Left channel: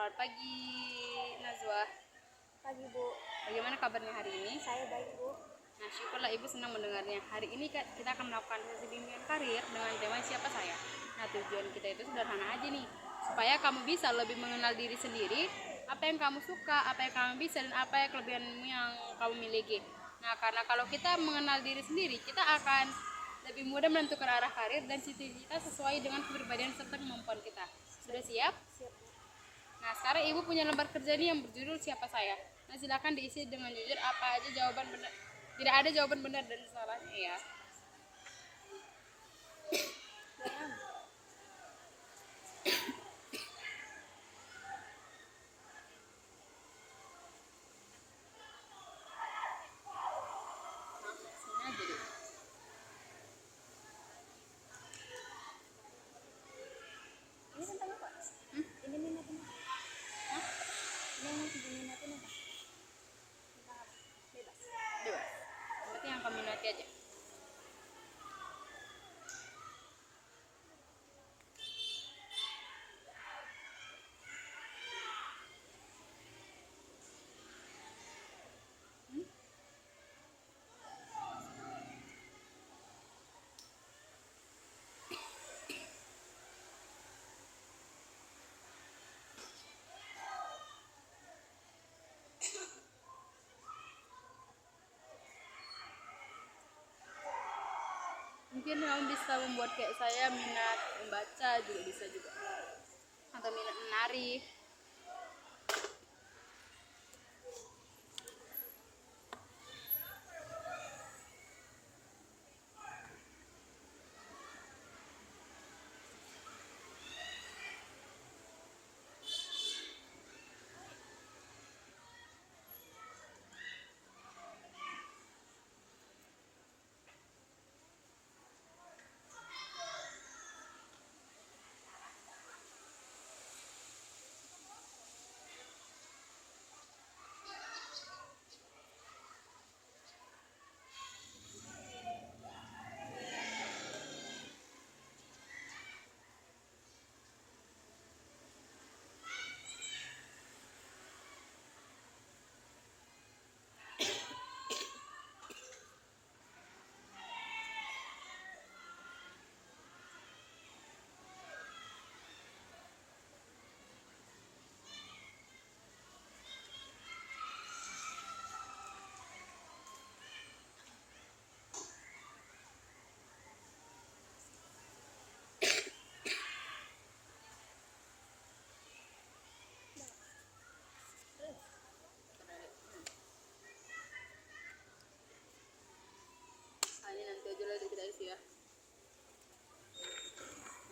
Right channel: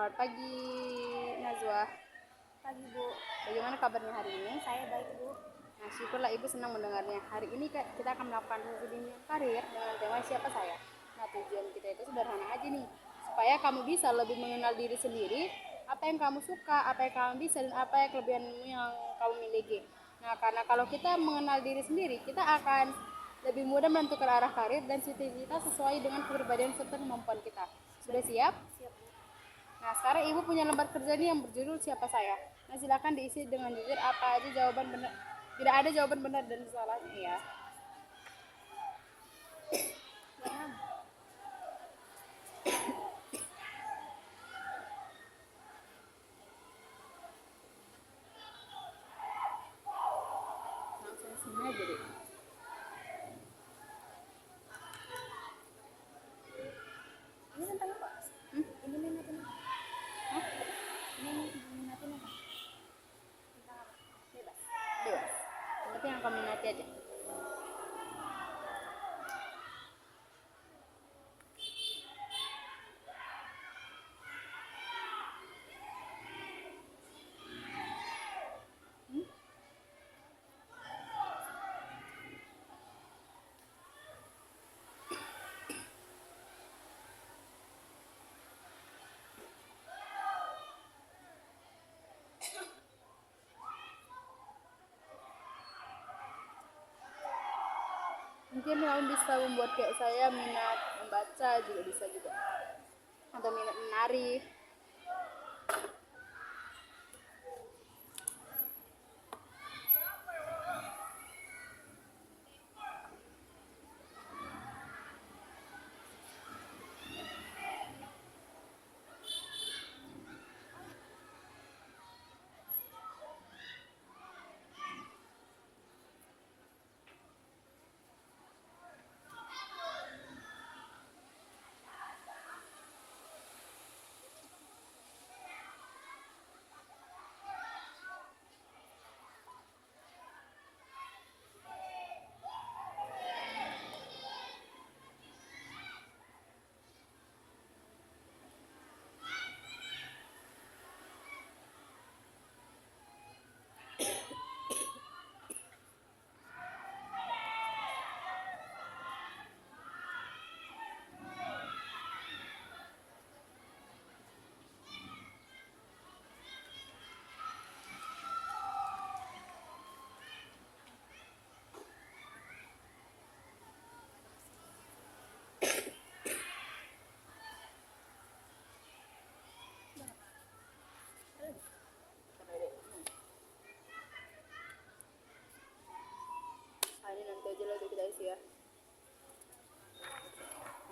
Selamat pagi, Nazwa. Pagi Bu, Bagaimana kabarnya hari ini? saya baik Bu. Nah, syukurlah Ibu senang mendengarnya. Hari ini kita akan melakukan sesi bimbingan karir dengan tema siapa saya. Nah, tujuan kita itu sederhana aja nih, supaya kamu bisa lebih mengenal diri sendiri, apa yang kamu suka, apa yang kamu bisa, dan apa yang kelebihan yang kamu miliki. Nah, karena kalau kita mengenal diri sendiri, kita akan lebih mudah menentukan arah karir dan cita kita sesuai dengan kepribadian serta kemampuan kita. Sudah siap? Siap Bu. Nah, sekarang Ibu punya lembar kerja nih yang berjudul siapa saya. Nah, silakan diisi dengan jujur apa aja jawaban benar. Tidak ada jawaban benar dan salahnya ya. Jangan. Langsung sini aja deh. Ini tentang apa? Ini minatin apa? Hah? Ini minatin apa? Tentang apa? Bebas. Bebas. Yang penting yang kamu minati aja. Mungkin kamu bisa membuat kayak saya minat membaca juga bisa juga. Atau minat menari. Ini nanti aja lah kita isi ya.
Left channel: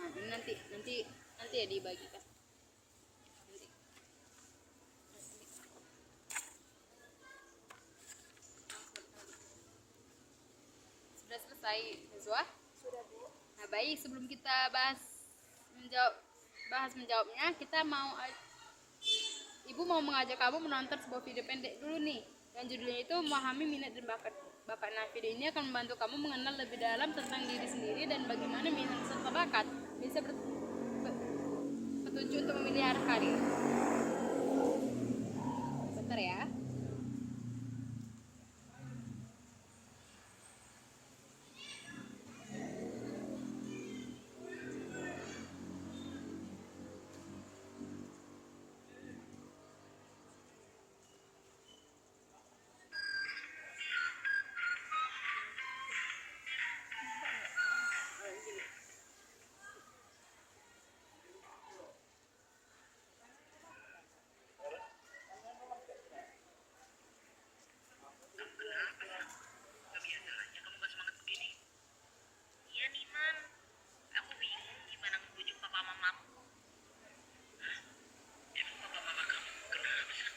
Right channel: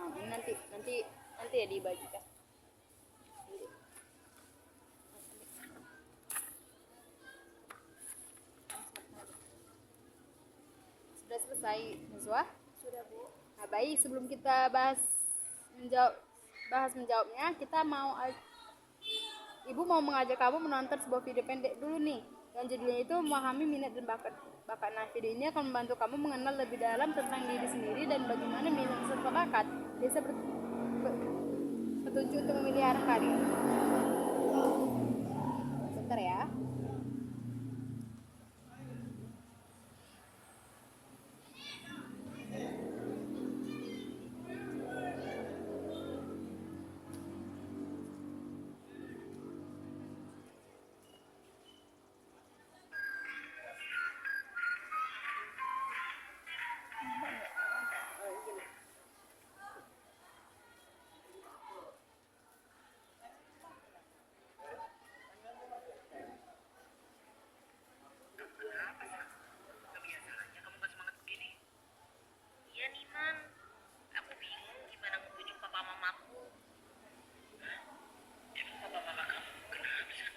Nah, ini nanti ya dibagikan. Nanti. Sudah selesai, Nazwa? Sudah Bu. Nah, baik, sebelum kita bahas menjawabnya, Ibu mau mengajak kamu menonton sebuah video pendek dulu nih. Dan judulnya itu memahami minat dan bakat. Nah, video ini akan membantu kamu mengenal lebih dalam tentang diri sendiri dan bagaimana minat serta bakat bisa petunjuk untuk memilih arah karir. Bentar ya. Kebiasaannya kamu gak semangat begini? Iya nih Man, aku bingung gimana ngebujuk papa mamaku. Hah? Emang papa mama kamu kenapa sih?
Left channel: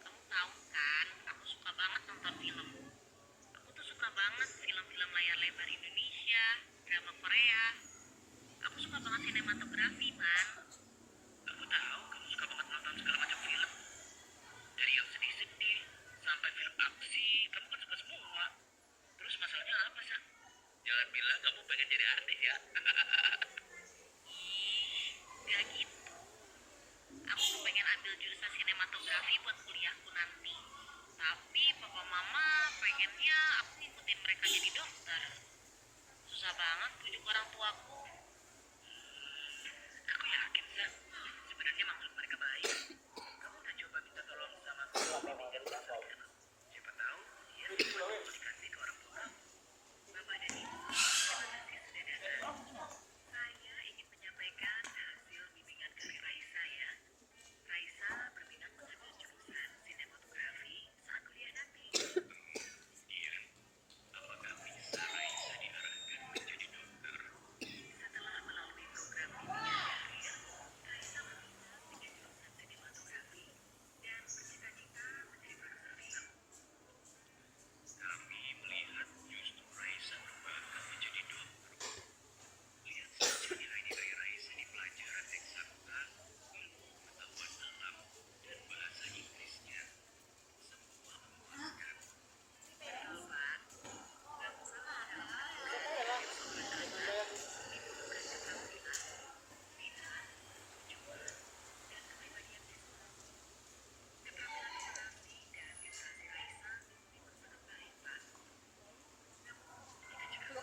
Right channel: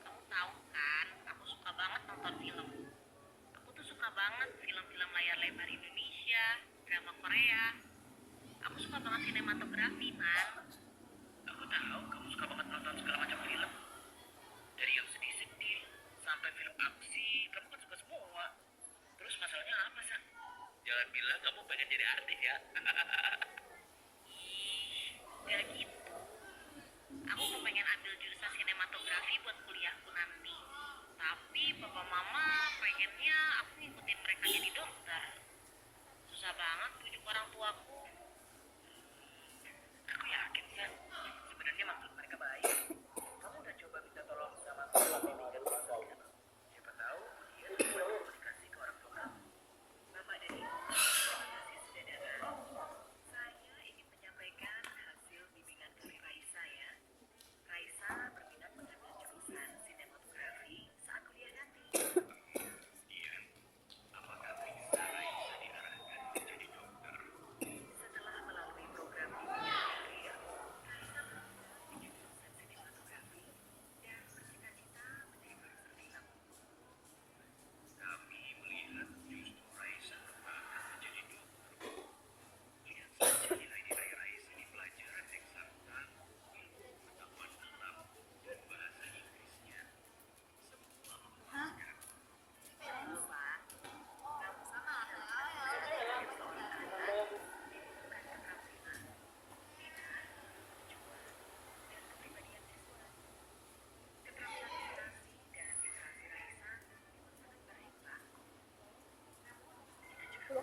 Kamu tahu kan, aku suka banget nonton film. Aku tuh suka banget film-film layar lebar Indonesia, drama Korea. Aku suka banget sinematografi, Man. Aku tahu kamu suka banget nonton segala macam film. Dari yang sedih-sedih sampai film aksi, kamu kan suka semua. Terus masalahnya apa, Sa? Jangan bilang kamu pengen jadi artis ya. Ih, gak gitu. Aku kepengen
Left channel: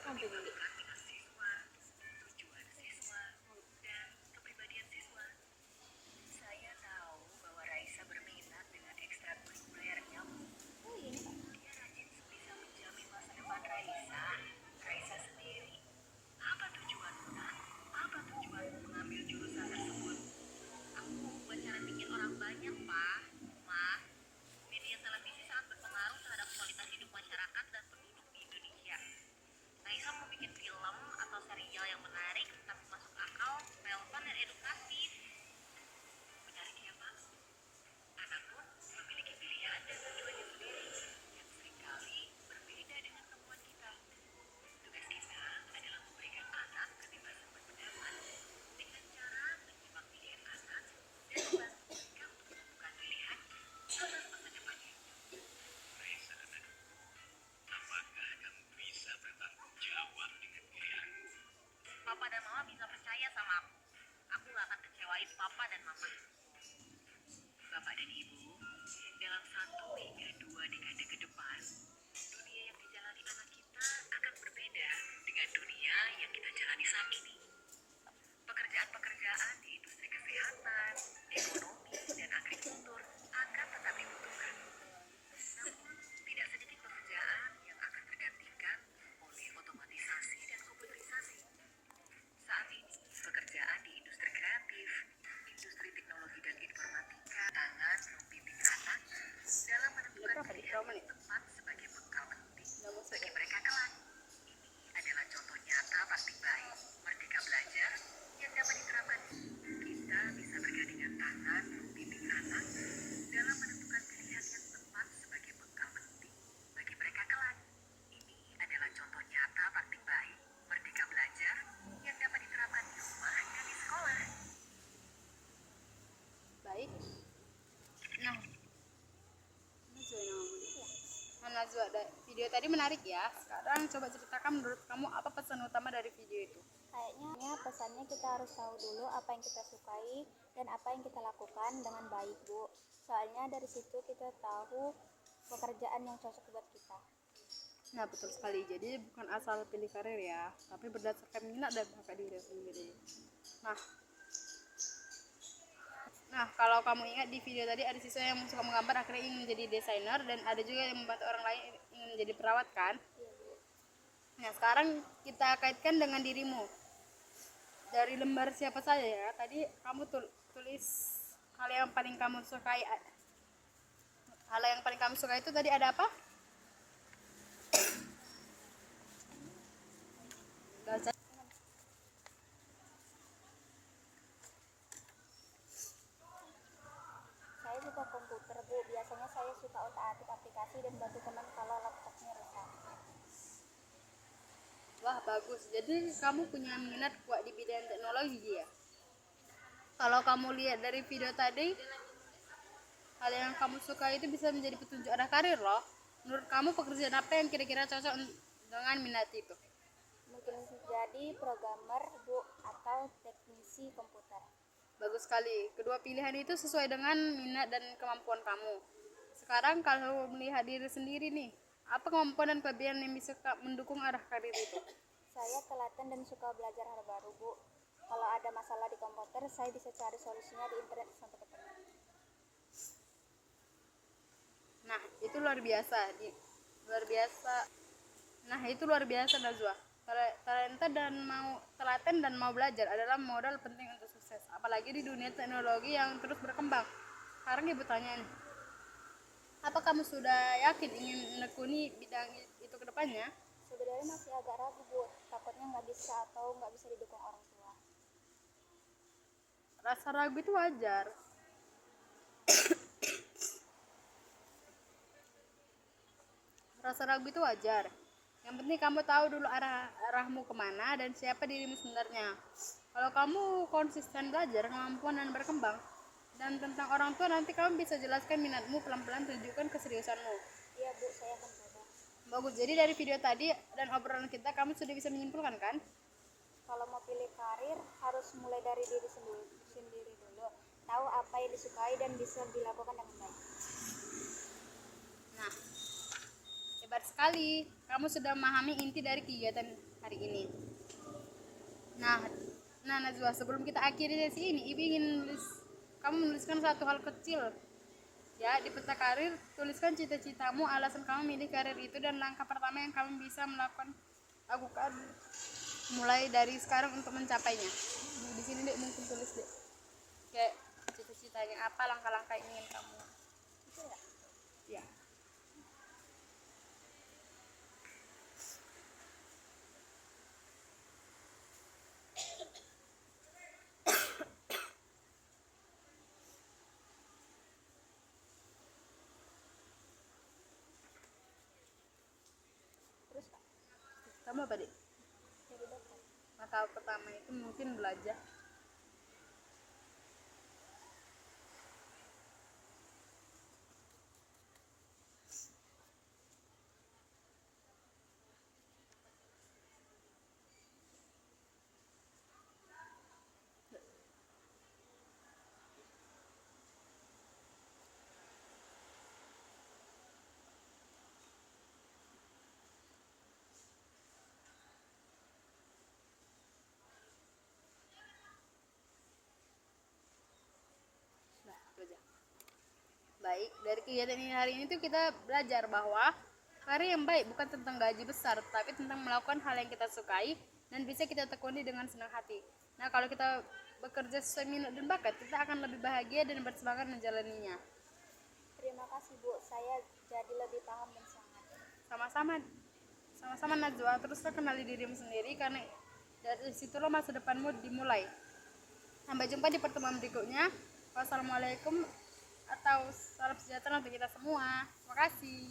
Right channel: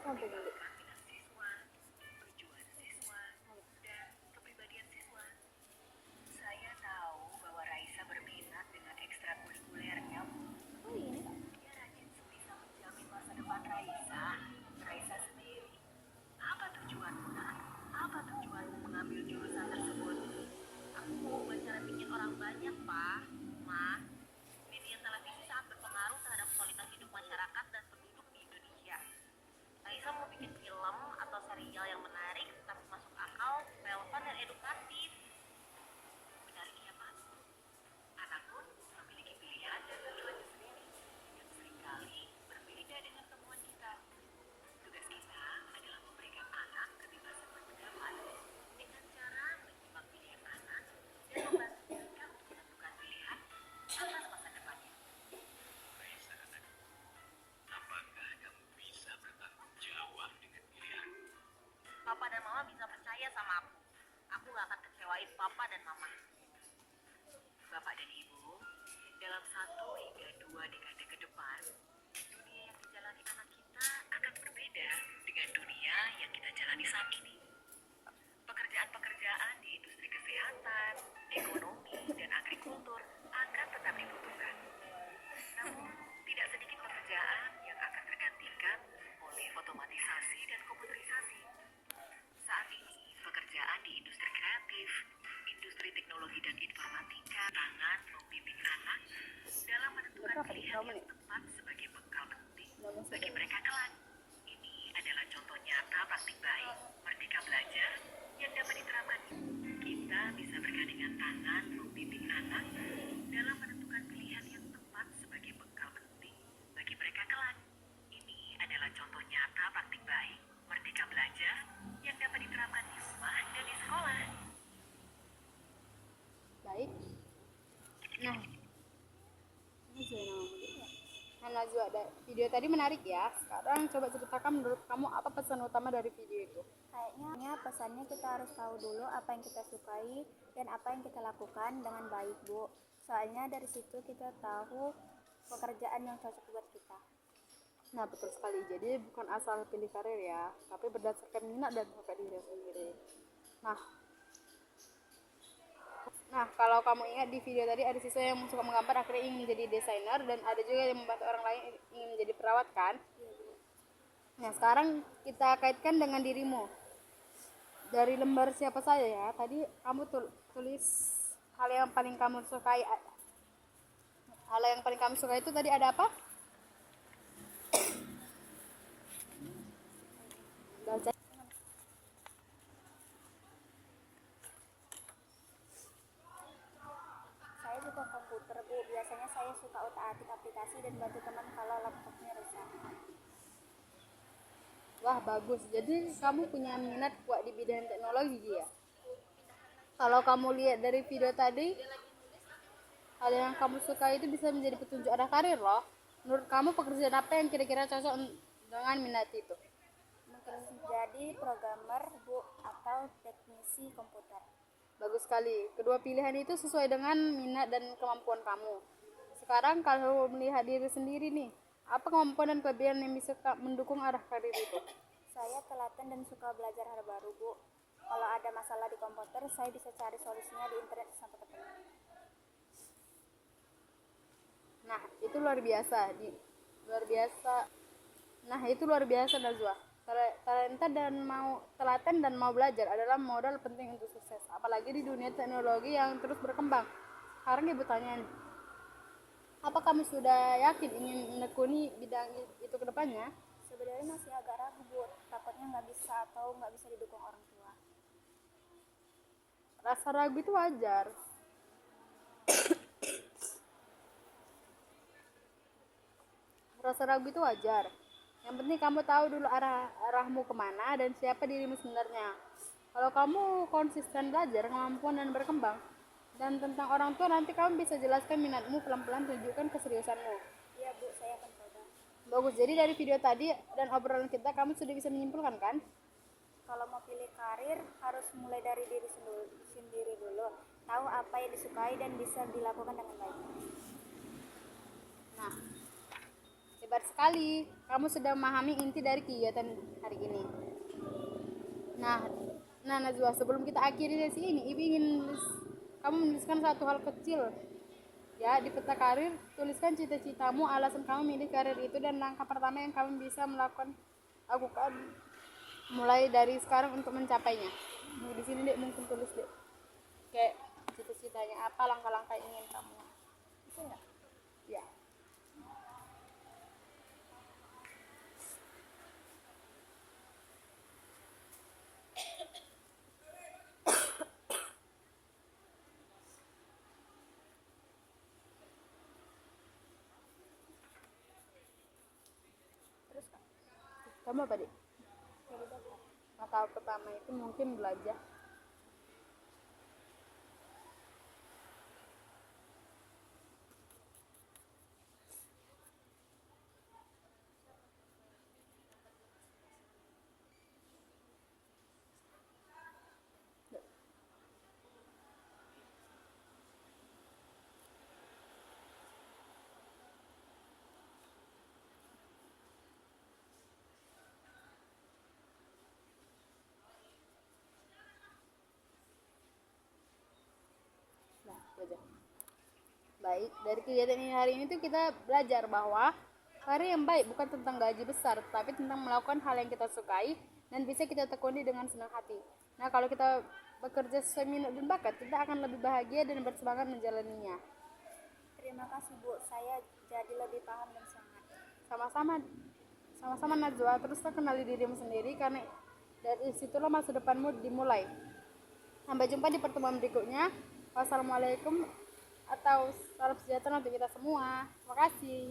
mempertimbangkan minat siswa, tujuan siswa, dan kepribadian siswa. Saya tahu bahwa Raisa berminat dengan ekstrakurikulernya, Bu. Oh iya, Pak. Dia rajin bisa menjamin masa depan Raisa. Raisa sendiri. Apa tujuanmu, Nak? Apa tujuanmu mengambil jurusan tersebut? Aku mau ubah cara pikir orang banyak, Pak. Ma, media televisi sangat berpengaruh terhadap kualitas hidup masyarakat dan penduduk di Indonesia. Raisa mau bikin film atau serial yang menarik tapi masuk akal, relevan dan edukatif. Menarik ya, Pak? Anak pun memiliki pilihan dan tujuannya sendiri yang seringkali berbeda dengan kemauan kita. Tugas kita adalah memberikan anak kebebasan berpendapat dengan cara menyimak pilihan anak dan membantu mereka untuk menentukan pilihan atas masa depannya. Raisa, anakku, apakah kamu bisa bertanggung jawab dengan pilihanmu? Papa dan Mama bisa percaya sama aku. Aku gak akan kecewain Papa dan Mama. Bapak dan Ibu, dalam 1 hingga 2 dekade ke depan, dunia yang dijalani anak kita akan berbeda dengan dunia yang kita jalani saat ini. Pekerjaan-pekerjaan di industri kesehatan, ekonomi, dan agrikultur akan tetap dibutuhkan. Namun, tidak sedikit pekerjaan yang akan tergantikan oleh otomatisasi dan komputerisasi. Saat ini, pekerjaan di industri kreatif, industri teknologi dan informatika, tangan membimbing anak dalam menentukan pilihan yang tepat sebagai bekal penting bagi mereka kelak. Ini adalah contoh nyata praktik baik, merdeka belajar, yang dapat diterapkan. Kita bisa bergandengan tangan membimbing anak dalam menentukan pilihan yang tepat sebagai bekal penting bagi mereka kelak. Ini adalah contoh nyata praktik baik, merdeka belajar, yang dapat diterapkan di rumah dan di sekolah. Baik. Nah, Najwa namamu dia. Nah, Najwa, video tadi menarik ya. Sekarang coba ceritakan menurut kamu apa pesan utama dari video itu? Kayaknya pesannya kita harus tahu dulu apa yang kita sukai dan apa yang kita lakukan dengan baik, Bu. Soalnya dari situ kita tahu pekerjaan yang cocok buat kita. Nah, betul sekali. Jadi bukan asal pilih karir ya, tapi berdasarkan minat dan bakat diri sendiri. Nah, kalau kamu ingat di video tadi ada siswa yang suka menggambar akhirnya ingin menjadi desainer, dan ada juga yang membantu orang lain ingin menjadi perawat kan? Nah, sekarang kita kaitkan dengan dirimu. Dari lembar siapa saja ya? Tadi kamu tulis hal yang paling kamu sukai. Hal yang paling kamu suka itu tadi ada apa? Baca. Saya suka komputer, Bu. Biasanya saya suka otak-atik aplikasi dan bantu teman kalau laptopnya rusak. Wah, bagus. Jadi kamu punya minat kuat di bidang teknologi ya? Kalau kamu lihat dari video tadi, hal yang kamu suka itu bisa menjadi petunjuk arah karir loh. Menurut kamu pekerjaan apa yang kira-kira cocok dengan minat itu? Mungkin jadi programmer, Bu, atau teknisi komputer. Bagus sekali. Kedua pilihan itu sesuai dengan minat dan kemampuan kamu. Sekarang kalau melihat diri sendiri nih, apa kemampuan dan kelebihan yang bisa mendukung arah karir itu? Saya telaten dan suka belajar hal baru, Bu. Kalau ada masalah di komputer, saya bisa cari solusinya di internet sampai ketemu. Nah, itu luar biasa. Nah, itu luar biasa, Najwa. Telaten dan mau belajar adalah modal penting untuk sukses, apalagi di dunia teknologi yang terus berkembang. Sekarang ibu tanya nih, apa kamu sudah yakin ingin menekuni bidang itu ke depannya? Sebenarnya masih agak ragu, Bu. Takutnya nggak bisa atau nggak bisa didukung orang tua. Rasa ragu itu wajar. Rasa ragu itu wajar. Yang penting kamu tahu dulu arahmu kemana dan siapa dirimu sebenarnya. Kalau kamu konsisten belajar, kemampuan dan berkembang, dan tentang orang tua nanti kamu bisa jelaskan minatmu, pelan-pelan tunjukkan keseriusanmu. Iya, Bu, saya akan coba. Bagus. Jadi dari video tadi dan obrolan kita, kamu sudah bisa menyimpulkan kan? Kalau mau pilih karir, harus mulai dari diri sendiri dulu. Tahu apa yang disukai dan bisa dilakukan dengan baik. Nah, Hebat sekali, kamu sudah memahami inti dari kegiatan hari ini. Nah, Najwa, sebelum kita akhiri sesi ini, Ibu ingin kamu menuliskan satu hal kecil. Ya, di peta karir, tuliskan cita-citamu, alasan kamu milih karir itu, dan langkah pertama yang kamu bisa lakukan mulai dari sekarang untuk mencapainya. Di sini Dek, mungkin tulis Dek. Kayak cita-citanya apa, langkah-langkah yang ingin kamu. Bisa nggak? Ya. Terus Kak, Kamu apa, Dek? jadi dokter. Langkah pertama itu mungkin belajar. Nah, belajar. Baik, dari kegiatan ini hari ini tuh kita belajar bahwa karir yang baik bukan tentang gaji besar, tapi tentang melakukan hal yang kita sukai dan bisa kita tekuni dengan senang hati. Nah, kalau kita bekerja sesuai minat dan bakat, kita akan lebih bahagia dan bersemangat menjalaninya. Terima kasih Bu, saya jadi lebih paham dan semangat. Sama-sama Najwa, teruslah kenali dirimu sendiri, karena dari situlah masa depanmu dimulai. Sampai jumpa di pertemuan berikutnya. Wassalamualaikum atau salam sejahtera untuk kita semua. Terima kasih.